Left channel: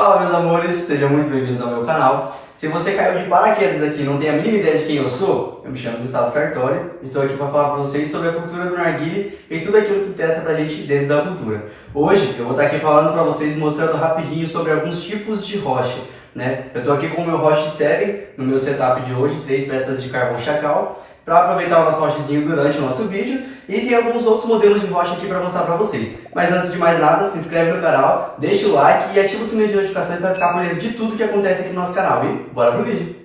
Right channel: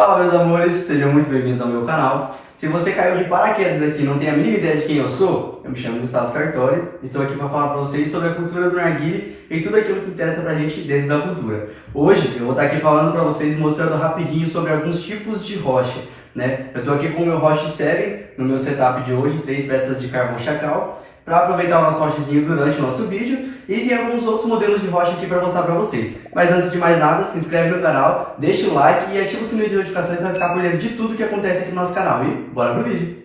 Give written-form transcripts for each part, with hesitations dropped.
Fala, meus amores, sejam muito bem-vindos ao meu canal. Se você caiu de paraquedas aqui e não tem a mínima ideia de quem eu sou, eu me chamo Gustavo Sartori, estou aqui para falar para vocês sobre a cultura do narguilé e tudo aquilo que interessa pra gente dentro da cultura. Hoje eu vou estar aqui falando para vocês, mostrando rapidinho sobre alguns tipos de roche, né? Eu estou aqui com o meu roche Seven no meu setup de hoje, 3 peças de carvão chacal, para aproveitar o nosso rochezinho durante o nosso vídeo, e tem alguns outros modelos de rocha aqui para mostrar para vocês. Mas antes de mais nada, se inscreve no canal, deixa o like e ativa o sininho de notificações para ficar por dentro de tudo que acontece aqui no nosso canal. E bora pro vídeo!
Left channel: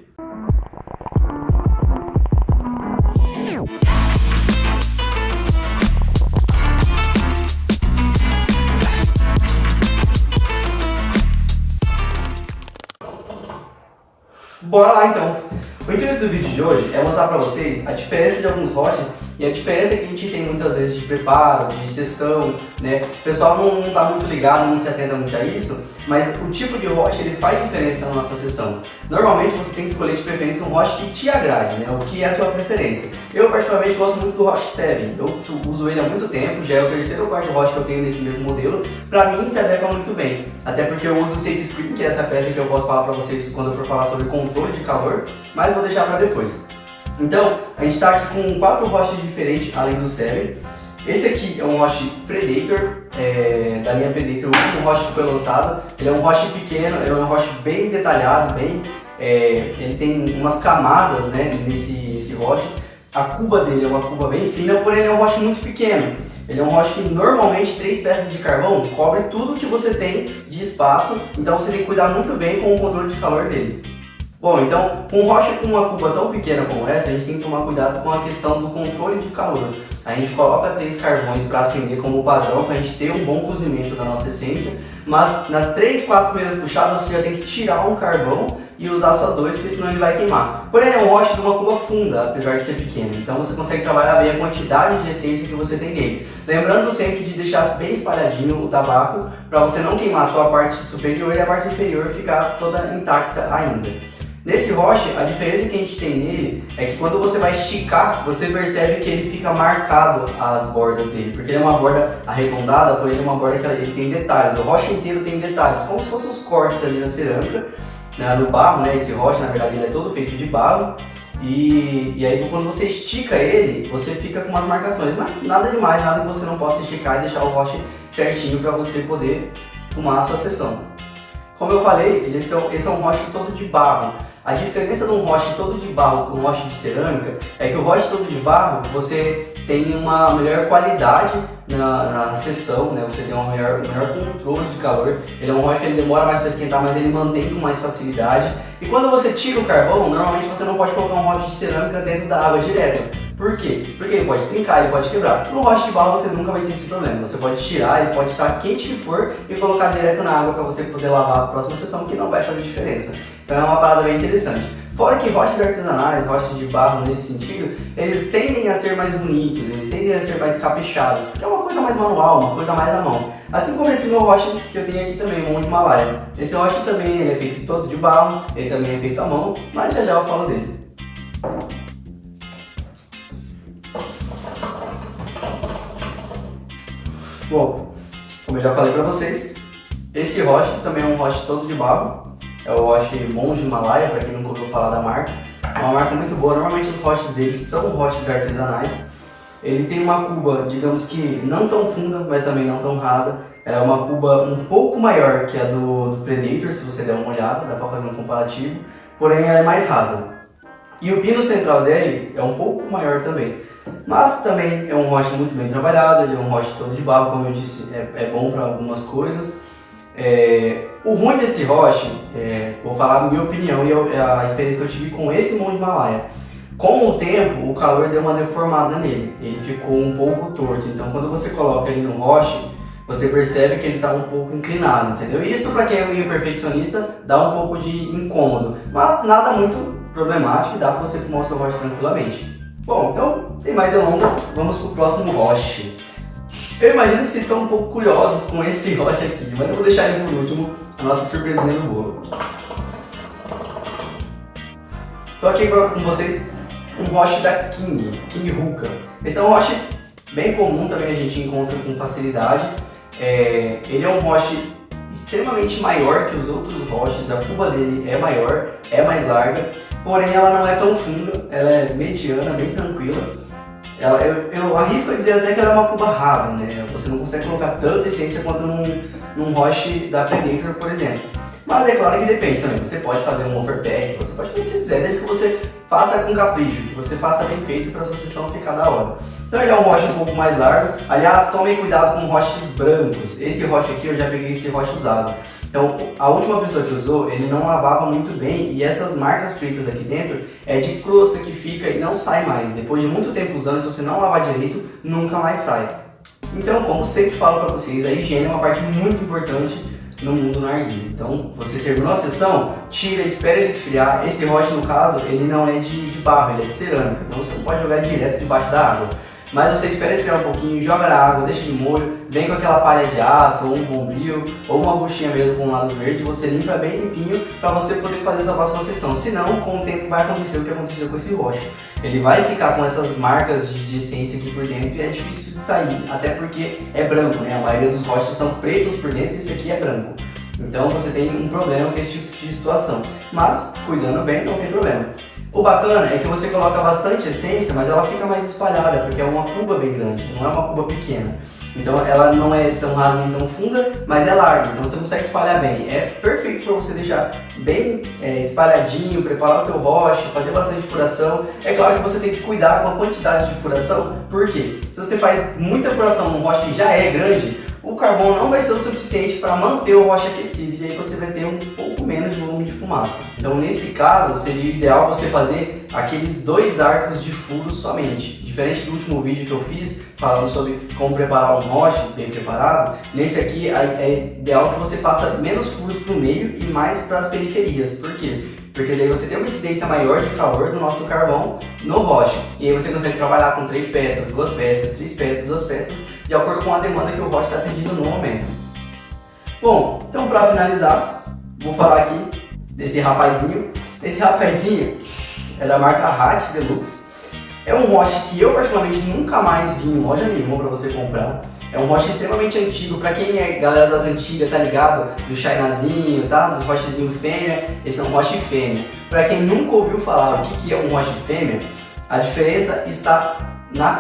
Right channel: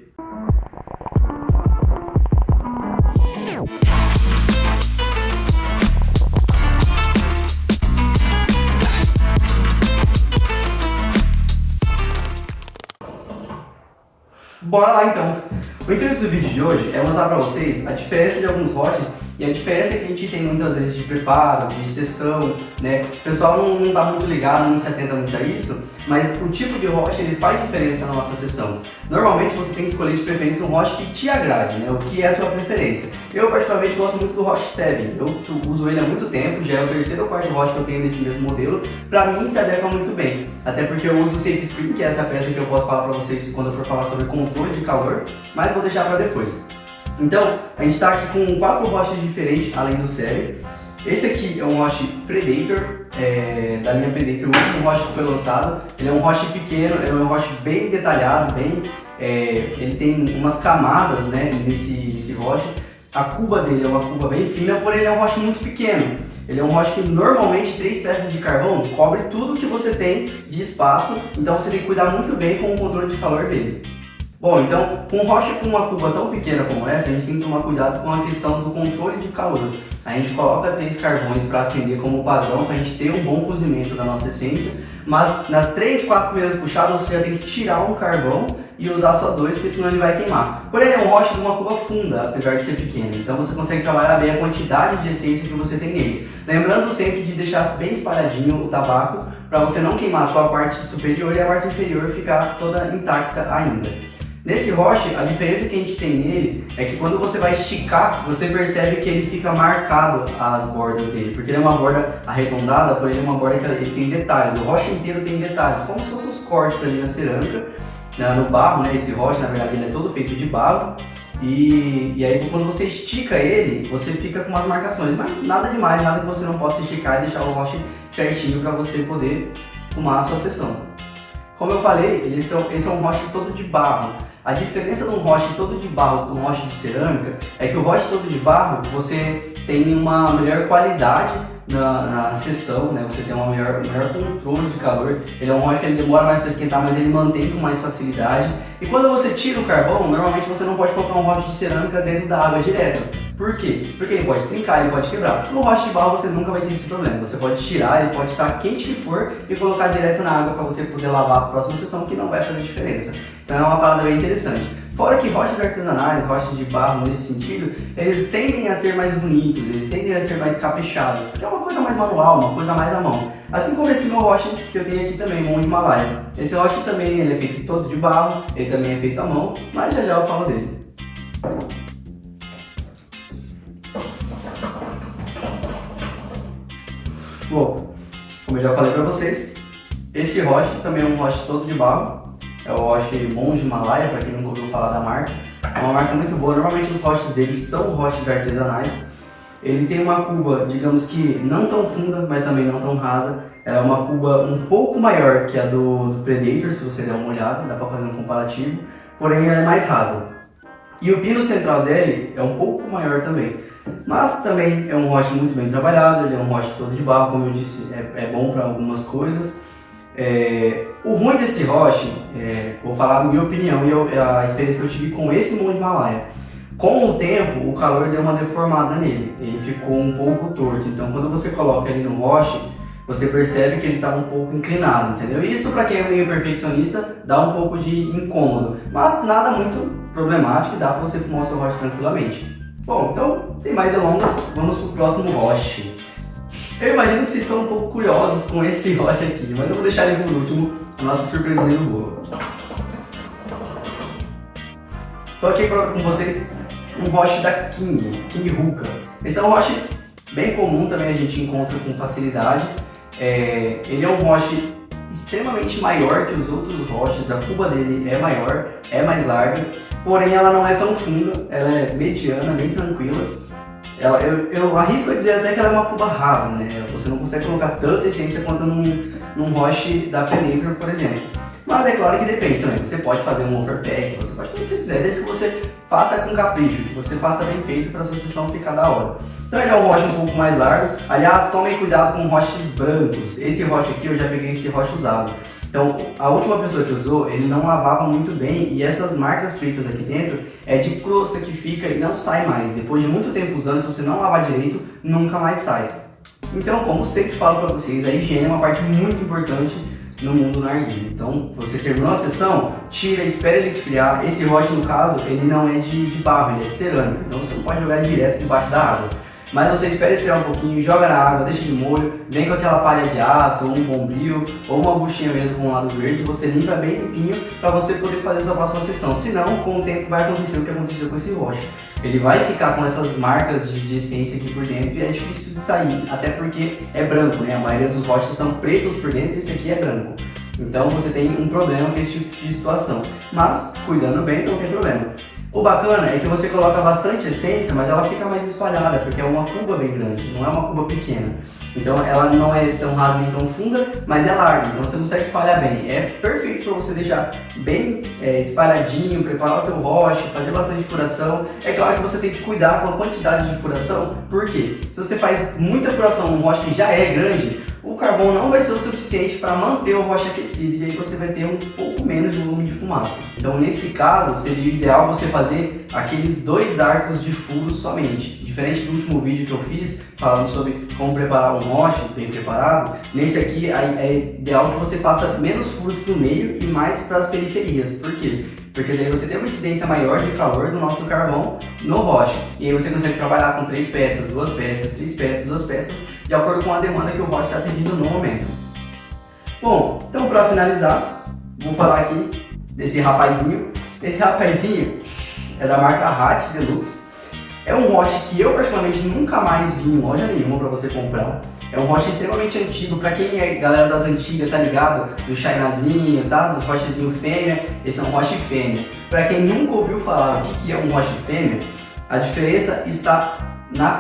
Bora lá então! O intuito do vídeo de hoje é mostrar para vocês a diferença de alguns roches e a diferença que a gente tem muitas vezes de preparo, de sessão, né? O pessoal não está muito ligado, não se atenta muito a isso, mas o tipo de roche ele faz diferença na nossa sessão. Normalmente você tem que escolher de preferência um roche que te agrade, né? O que é a tua preferência. Eu particularmente gosto muito do roche Seven, eu uso ele há muito tempo, já é o terceiro ou quarto roche que eu tenho desse mesmo modelo. Para mim se adequa muito bem, até porque eu uso o Safe Spring, que é essa peça que eu posso falar para vocês quando eu for falar sobre controle de calor, mas vou deixar para depois. Então, a gente está aqui com 4 roches diferentes, além do Seven. Esse aqui é um roche Predator, da linha Predator, o último roche que foi lançado. Ele é um roche pequeno, é um roche bem detalhado, ele tem umas camadas, né, nesse roche. A cuba dele é uma cuba bem fina, porém ele é um roche muito pequeno. Ele é um roche que normalmente 3 peças de carvão cobre tudo que você tem de espaço, então você tem que cuidar muito bem com o controle de calor dele. Bom, então, com um roche com uma cuba tão pequena como essa, a gente tem que tomar cuidado com a questão do controle de calor. A gente coloca 3 carvões para acender como padrão, para a gente ter um bom cozimento da nossa essência, mas nas 3, 4 primeiras puxadas você já tem que tirar um carvão e usar só 2, porque senão ele vai queimar. Porém, é um roche de uma cuba funda, apesar de ser pequeno, então você consegue trabalhar bem a quantidade de essência que você tem nele. Lembrando sempre de deixar bem espalhadinho o tabaco, para você não queimar só a parte superior e a parte inferior ficar toda intacta ainda. Nesse roche, a diferença que a gente tem nele é que quando você vai esticar, você percebe que ele fica marcado as bordas dele, porque ele é uma borda arredondada, porém ele é uma borda que ele tem detalhes, o roche inteiro tem detalhes, como se fossem os cortes ali na cerâmica, no barro, né? Esse roche, na verdade, ele é todo feito de barro, e aí quando você estica ele, você fica com umas marcações, mas nada demais, nada que você não possa esticar e deixar o roche certinho para você poder fumar a sua sessão. Como eu falei, esse é um roche todo de barro. A diferença de um roche todo de barro para um roche de cerâmica é que o roche todo de barro você tem uma melhor qualidade na sessão, né? Você tem um melhor controle de calor. Ele é um roche que ele demora mais para esquentar, mas ele mantém com mais facilidade. E quando você tira o carvão, normalmente você não pode colocar um roche de cerâmica dentro da água direto. Por quê? Porque ele pode trincar, ele pode quebrar. No roche de barro você nunca vai ter esse problema. Você pode tirar, ele pode estar quente que for e colocar direto na água para você poder lavar a próxima sessão, que não vai fazer diferença. Então é uma parada bem interessante. Fora que roches artesanais, roches de barro nesse sentido, eles tendem a ser mais bonitos, eles tendem a ser mais caprichados, porque é uma coisa mais manual, uma coisa mais à mão. Assim como esse meu roche que eu tenho aqui também, Monge Himalaia. Esse roche também ele é feito todo de barro, ele também é feito à mão, mas já eu falo dele. Bom, como eu já falei para vocês, esse roche também é um roche todo de barro. É o roche Monge Himalaia, para quem nunca ouviu falar da marca. É uma marca muito boa, normalmente os roches deles são roches artesanais. Ele tem uma cuba, digamos que não tão funda, mas também não tão rasa. Ela é uma cuba um pouco maior que a do Predator, se você der uma olhada, dá para fazer um comparativo. Porém ela é mais rasa. E o pino central dele é um pouco maior também. Mas também é um roche muito bem trabalhado, ele é um roche todo de barro, como eu disse, é bom para algumas coisas. O ruim desse roche, vou falar a minha opinião e a experiência que eu tive com esse Monge Himalaia. Com o tempo, o calor deu uma deformada nele, ele ficou um pouco torto, então quando você coloca ele no roche, você percebe que ele está um pouco inclinado, entendeu? Isso para quem é meio perfeccionista dá um pouco de incômodo, mas nada muito problemático e dá para você fumar o seu roche tranquilamente. Bom, então, sem mais delongas, vamos para o próximo roche. Eu imagino que vocês estão um pouco curiosos com esse roche aqui, mas eu vou deixar ele por último, a nossa surpresinha do bolo. Estou aqui com vocês um roche da King Hookah. Esse é um roche bem comum, também a gente encontra com facilidade. Ele é um roche extremamente maior que os outros roches, a cuba dele é maior, é mais larga, porém ela não é tão funda, ela é mediana, bem tranquila. Eu arrisco a dizer até que ela é uma cuba rasa, né? Você não consegue colocar tanta essência quanto num roche da Penacre, por exemplo. Mas é claro que depende também, você pode fazer um overpack, você pode fazer o que você quiser, desde que você faça com capricho, que você faça bem feito para a sua sessão ficar da hora. Então ele é um roche um pouco mais largo, aliás, tomem cuidado com roches brancos. Esse roche aqui, eu já peguei esse roche usado. Então a última pessoa que usou, ele não lavava muito bem e essas marcas pretas aqui dentro é de crosta que fica e não sai mais. Depois de muito tempo usando, se você não lavar direito, nunca mais sai. Então, como eu sempre falo para vocês, a higiene é uma parte muito importante no mundo narguilé. Então, você terminou a sessão, tira, espera ele esfriar. Esse roche, no caso, ele não é de barro, ele é de cerâmica, então você não pode jogar ele direto debaixo da água. Mas você espera esfriar um pouquinho, joga na água, deixa de molho, vem com aquela palha de aço, ou um bombril, ou uma buchinha mesmo com um lado verde, você limpa bem limpinho para você poder fazer a sua próxima sessão. Senão, com o tempo vai acontecer o que aconteceu com esse roche. Ele vai ficar com essas marcas de essência aqui por dentro e é difícil de sair, até porque é branco, né? A maioria dos roches são pretos por dentro e esse aqui é branco. Então você tem um problema com esse tipo de situação. Mas, cuidando bem, não tem problema. O bacana é que você coloca bastante essência, mas ela fica mais espalhada, porque é uma cuba bem grande, não é uma cuba pequena. Então ela não é tão rasa nem tão funda, mas é larga, então você consegue espalhar bem. É perfeito para você deixar bem espalhadinho, preparar o teu roche, fazer bastante furação. É claro que você tem que cuidar com a quantidade de furação, porque se você faz muita furação num roche que já é grande, o carvão não vai ser o suficiente para manter o roche aquecido e aí você vai ter um pouco menos de volume de fumaça. Então nesse caso seria ideal você fazer aqueles 2 arcos de furo somente. Diferente do último vídeo que eu fiz falando sobre como preparar um roche bem preparado, nesse aqui é ideal que você faça menos furos para o meio e mais para as periferias. Por quê? Porque daí você tem uma incidência maior de calor do nosso carvão no roche. E aí você consegue trabalhar com 3 peças, 2 peças, 3 peças, 2 peças, de acordo com a demanda que o roche está pedindo no momento. Bom, então para finalizar, vou falar aqui desse rapazinho. Esse rapazinho é da marca Hat Deluxe. É um roche que eu particularmente nunca mais vi em loja nenhuma para você comprar. É um roche extremamente antigo, para quem é galera das antigas, tá ligado? Do Chinazinho, tá? Dos rochezinho fêmea, esse é um roche fêmea. Para quem nunca ouviu falar o que é um roche fêmea, a diferença está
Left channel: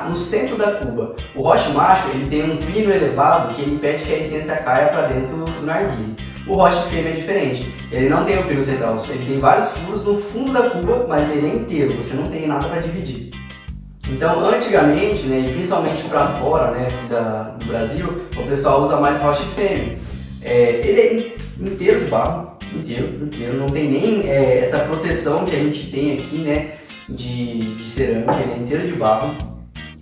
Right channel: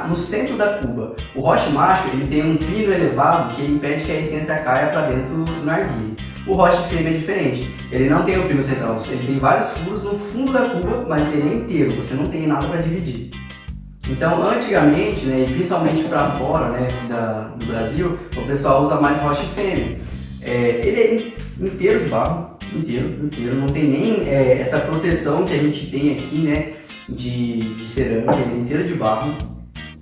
no centro da cuba. O roche macho, ele tem um pino elevado que ele impede que a essência caia para dentro do narguilé. O roche fêmea é diferente, ele não tem o pino central, ele tem vários furos no fundo da cuba, mas ele é inteiro, você não tem nada para dividir. Então, antigamente, né, e principalmente para fora, né, do Brasil, o pessoal usa mais roche fêmea. Ele é inteiro de barro, inteiro, não tem nem essa proteção que a gente tem aqui, né, de cerâmica, ele é inteiro de barro.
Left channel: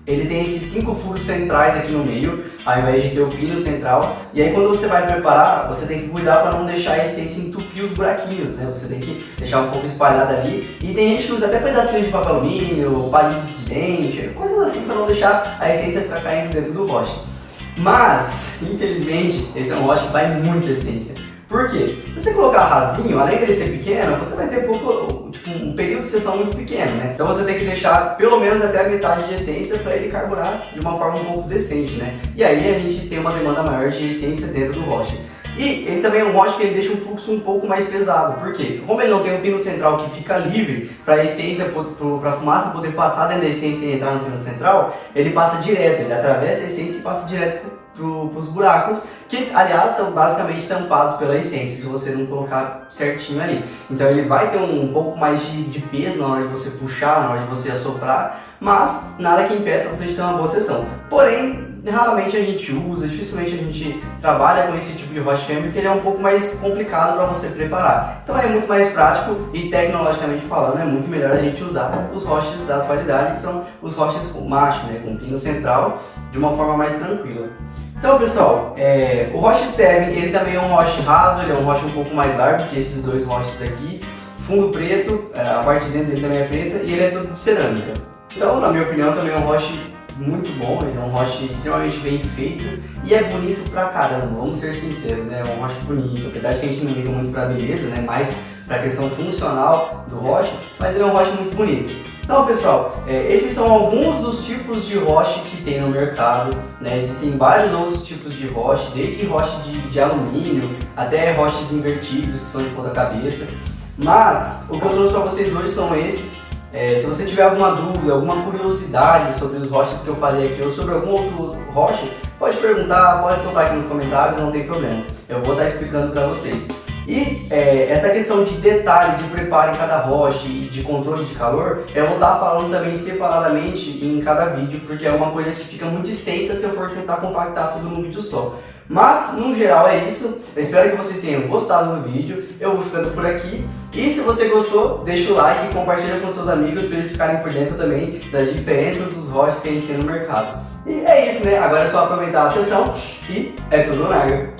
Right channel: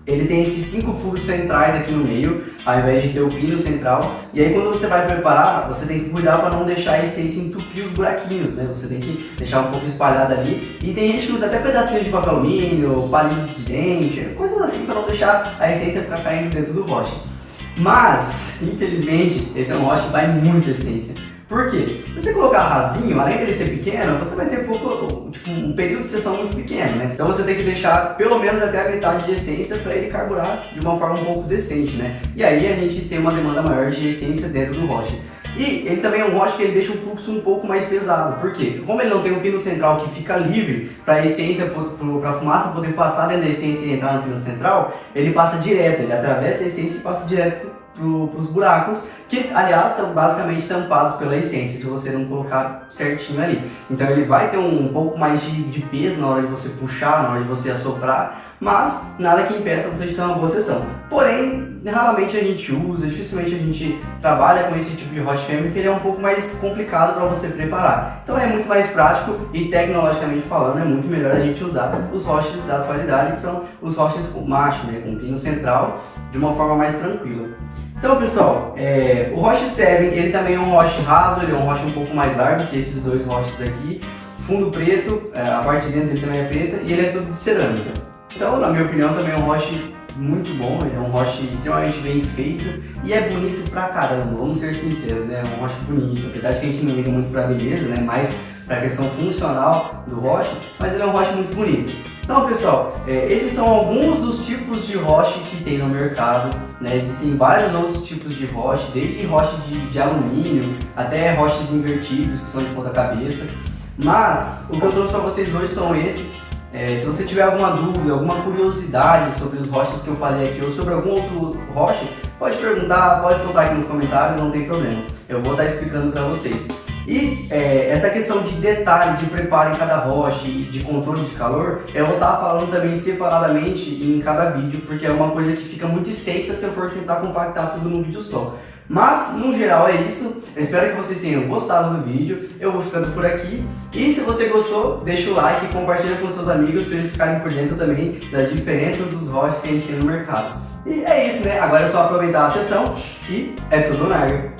Ele tem esses 5 furos centrais aqui no meio, ao invés de ter o pino central. E aí quando você vai preparar, você tem que cuidar para não deixar a essência entupir os buraquinhos, né? Você tem que deixar um pouco espalhada ali. E tem gente que usa até pedacinhos de papel alumínio, palito de dente, coisas assim para não deixar a essência ficar caindo dentro do roche. Mas, infelizmente, esse é um roche que vai muita essência. Por quê? Se você colocar rasinho, além dele ser pequeno, você vai ter um período de sessão muito pequeno, né? Então você tem que deixar pelo menos até a metade de essência para ele carburar de uma forma um pouco decente, né? E aí a gente tem uma demanda maior de essência dentro do roche. E ele também é um roche que ele deixa um fluxo um pouco mais pesado. Por quê? Como ele não tem um pino central que fica livre para a essência, para a fumaça poder passar dentro da essência e entrar no pino central, ele passa direto, ele atravessa a essência e passa direto para os buracos, que aliás estão basicamente tampados pela essência, se você não colocar certinho ali. Então ele vai ter um pouco mais de peso na hora de você puxar, na hora de você assoprar, mas nada que impeça você de ter uma boa sessão. Porém, raramente a gente usa, dificilmente a gente trabalha com esse tipo de roche fêmea, porque ele é um pouco mais complicado para você preparar. Então é muito mais prático e tecnologicamente falando é muito melhor a gente usar os roches da atualidade, que são os roches macho, né, com pino central, de uma forma mais tranquila. Então pessoal, o roche 7, ele também é um roche raso, ele é um roche um pouco mais largo que esses 2 roches aqui, fundo preto, a parte de dentro dele também é preta e ele é todo de cerâmica. Então, na minha opinião, também é um roche muito bom, ele é um roche extremamente bem feito e é bonito pra caramba, vamos ser sinceros, né? É um roche bonito, apesar de que a gente não liga muito pra beleza, né? Mas para a questão funcional do roche, mas ele é um roche muito bonito. Então, pessoal, esses são alguns dos tipos de roche que tem no mercado, né? Existem vários outros tipos de roche, desde roche de alumínio até roches invertidos, que são de ponta cabeça. Mas o que eu trouxe para vocês hoje são esses. Se você tiver alguma dúvida, alguma curiosidade sobre os roches que eu falei aqui ou sobre algum outro roche, pode perguntar, pode soltar aqui nos comentários, não tem problema. Eu vou estar explicando para vocês. E essa questão de detalhe, de preparo em cada roche e de controle de calor, eu vou estar falando também separadamente em cada vídeo, porque é uma coisa que fica muito extensa se eu for tentar compactar tudo num vídeo só. Mas, no geral, é isso. Eu espero que vocês tenham gostado do vídeo. Eu vou ficando por aqui. E se você gostou, deixa o like e compartilha com seus amigos para eles ficarem por dentro também das diferenças dos roches que a gente tem no mercado. E é isso, né? Agora é só aproveitar a sessão e é tudo na área.